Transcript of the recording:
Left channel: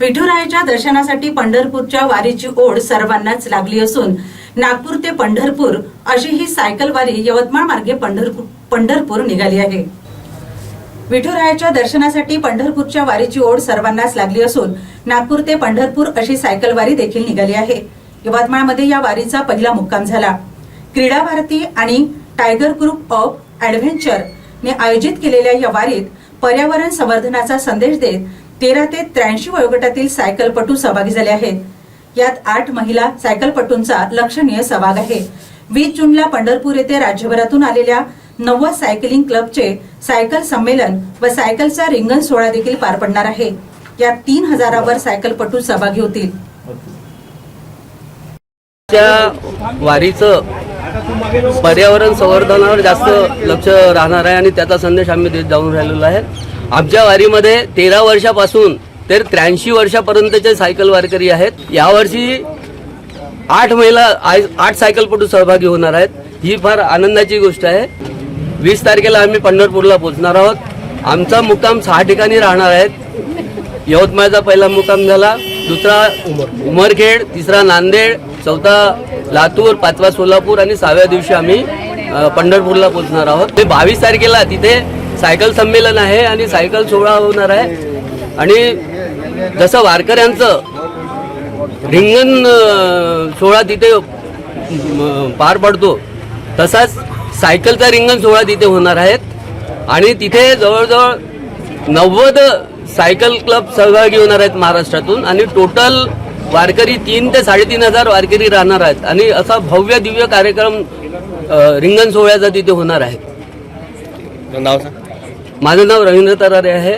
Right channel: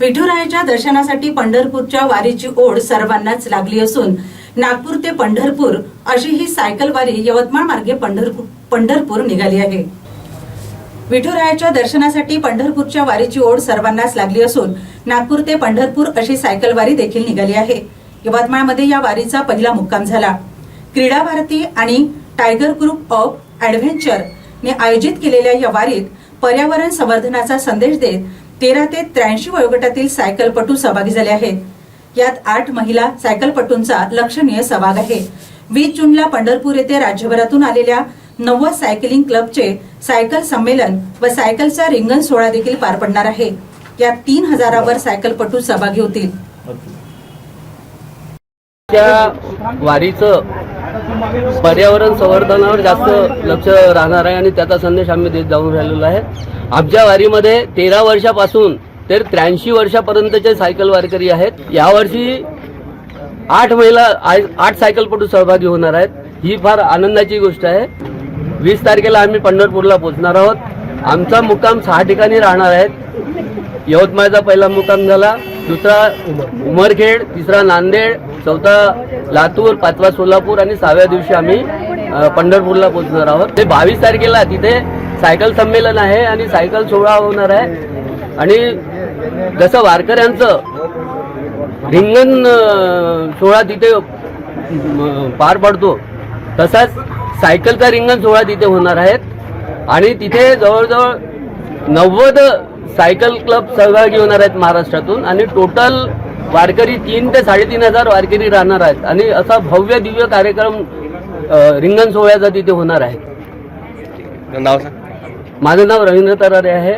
विठुरायाच्या दर्शनासाठी पंढरपूरच्या वारीची ओढ सर्वांनाच लागली असून नागपूर ते पंढरपूर अशी ही सायकल वारी यवतमाळ मार्गे पंढरपूर पंढरपूर निघाली आहे. विठुरायाच्या दर्शनासाठी पंढरपूरच्या वारीची ओढ सर्वांनाच लागली असून नागपूर ते पंढरपूर अशी सायकल वारी देखील निघाली आहे. यवतमाळमध्ये या वारीचा पहिला मुक्काम झाला. क्रीडा भारती आणि टायगर ग्रुप ऑफ ऍडव्हेंचर ने आयोजित केलेल्या या वारीत पर्यावरण संवर्धनाचा संदेश देत तेरा ते त्र्याऐंशी वयोगटातील सायकलपटू सहभागी झाले आहेत. यात आठ महिला सायकलपटूंचा लक्षणीय सहभाग आहे. वीस जूनला पंढरपूर येथे राज्यभरातून आलेल्या नव्वद सायकलिंग क्लबचे सायकल संमेलन व सायकलचा रिंगण सोहळा देखील पार पडणार आहे. यात तीन हजारावर सायकलपटू सहभागी होतील. त्या वारीचं पर्यावरण संवर्धनावर जास्त लक्ष राहणार आहे आणि त्याचा संदेश आम्ही देत जाऊन राहिलेलो आहे. आमच्या वारीमध्ये तेरा वर्षापासून तर त्र्याऐंशी वर्षापर्यंतचे सायकल वारकरी आहेत. यावर्षी आठ महिला आठ सायकलपटू सहभागी होणार आहेत. ही फार आनंदाची गोष्ट आहे. वीस तारखेला आम्ही पंढरपूरला पोहोचणार आहोत. आमचा मुक्काम सहा ठिकाणी राहणार आहेत यवतमाळचा पहिला मुक्काम झाला दुसरा उमरखेड तिसरा नांदेड चौथा लातूर पाचवा सोलापूर आणि सहाव्या दिवशी आम्ही पंढरपूरला पोहोचणार आहोत. ते बावीस तारखेला तिथे सायकल संमेलन आहे आणि सायकल सोहळा होणार आहे. आणि जसं वारकऱ्यांचं रिंगण सोहळा तिथे पार पडतो तसाच सायकलचा रिंगण सोहळा तिथे होणार आहेत. आणि तिथे जवळजवळ नव्वद सायकल क्लब सहभागी होणार आहेत महाराष्ट्रातून. आणि टोटल वारकरी तीन ते साडेतीन हजार वारकरी राहणार आहेत. आणि असा भव्य दिव्य कार्यक्रम रिंगण सोहळ्याचा तिथे होणार आहे. नाव सांग. माझं नाव रवींद्र तरारे आहे.